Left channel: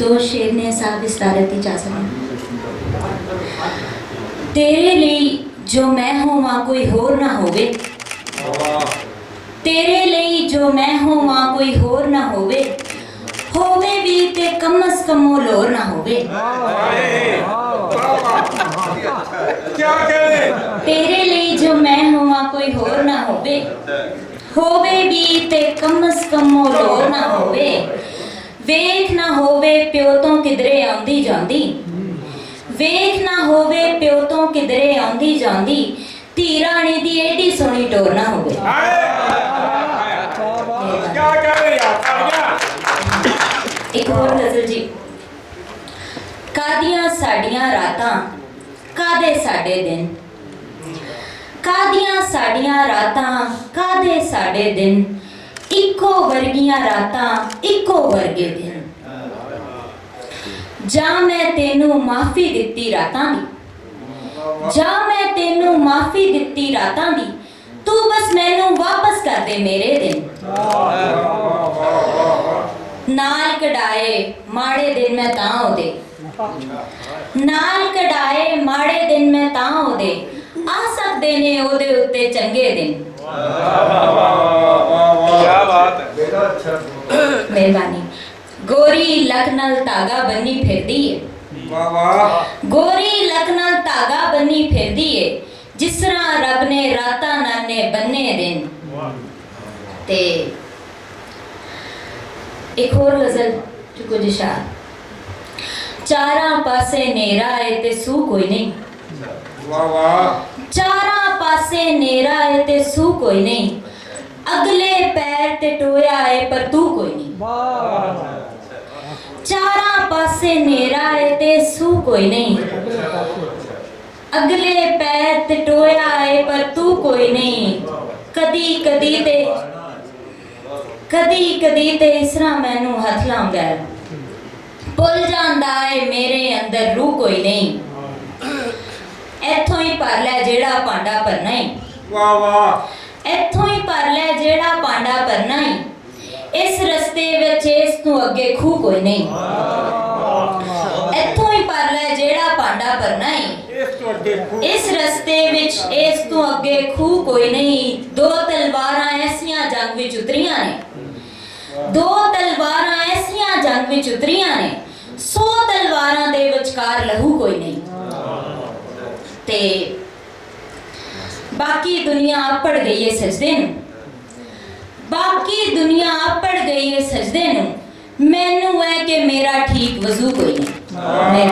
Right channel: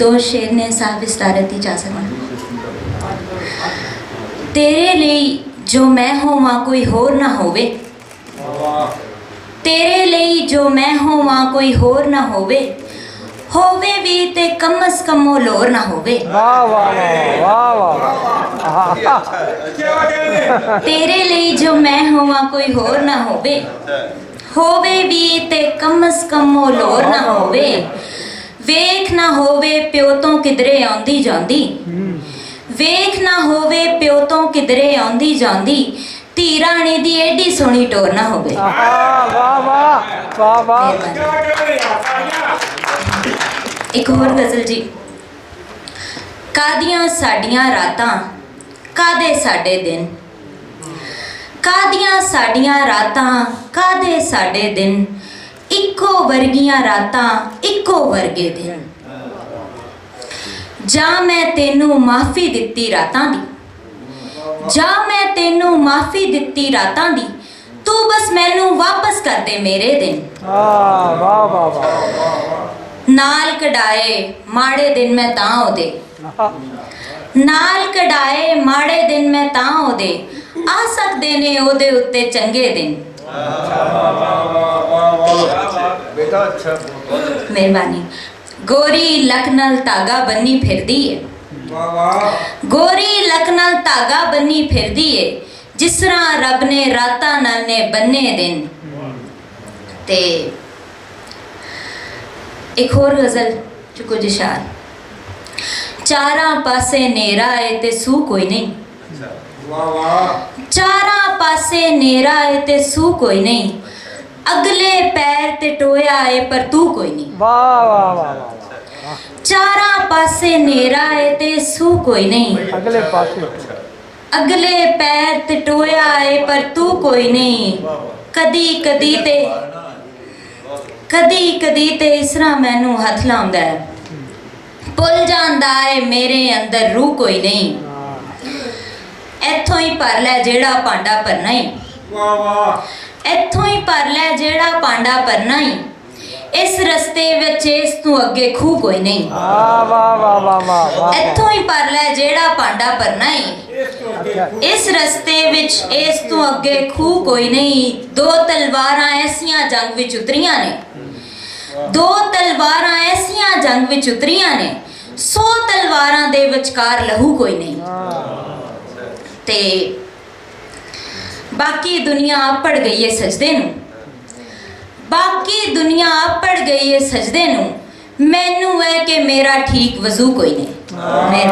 दो शेर ने साहब विस्तारत इजाजत। तेरे लिए जो मैं होवां कोई होर ना होवे, तेरे लिए जो मैं होवां कोई होर ना होवे, होवे भी ते कम अज कम वो लोर ना होवे। तेरे लिए जो मैं होवां कोई होर ना होवे, होवे भी ते कम अज कम वो लोर ना होवे। वेख ना होवे प्यो तो किधरे आंदी जांदी, वेख ना होवे प्यो तो किधरे आंदी जांदी, धी राणी दी एडी सोहनी टोर ना होवे। एक और गजल जी। कादियां साडियां रातां कादे साडे दिन, कादियां साडियां रातां कादे साडे दिन, इक्को वर्गियां रातां इक्को वर्गे दिन। जा मैं तेनू माफी दित्ती रातां दी, जा मैं तेनू माफी दित्ती रातां दी, तू बस मैनू वापस कर दे मेरे दिन। नाल कढ़ाए माड़े दिन मैं तां ओदे, नाल कढ़ाए माड़े दिन मैं तां ओदे, आ सकदे ने ओदे उत्ते चंगे दिन। मेहरबानी। गोरी लक नाल धागा बन्नी फिरदी है, गोरी लक नाल धागा बन्नी फिरदी है, जिस तरह रब ने रातां नाल ने बन्ने दिन। ते एक होर गजल जो कुछ इशार। चारां पासे नेरा है ते सू कोई नहीं, चारां पासे नेरा है ते सू कोई नहीं, अगले पैर ते टोया है पर तू कोई नहीं। चारां पासे नेरा है ते सू कोई नहीं, अगले पैर ते टोया है पर तू कोई नहीं। कदी कदी ते कदी कदी ते इस तरह मैनू हथ लाउंदा है, भुल जांदा है मेरे अंदर रूह कोई नहीं। इत्थों ही भर लै जेड़ा भांडा भरना ही, इत्थों ही भर लै जेड़ा भांडा भरना ही, इस रस्ते विच इस तू अगे खूह कोई नहीं। इत्थों ही भर लै जेड़ा भांडा भरना ही, इस रस्ते विच इस तू अगे खूह कोई नहीं। दो तलवारां ऐसियां जंग विच उतरियां ने, दो तलवारां ऐसियां जंग विच उतरियां ने, 100 तलवारां दे विचकार लहू कोई नहीं। ते बाकी दुनिया अपड़ गई है सजदे नू, बाकी दुनिया अपड़ गई है सजदे नू, मैनू है कि मेरा ठीक वजू कोई नहीं।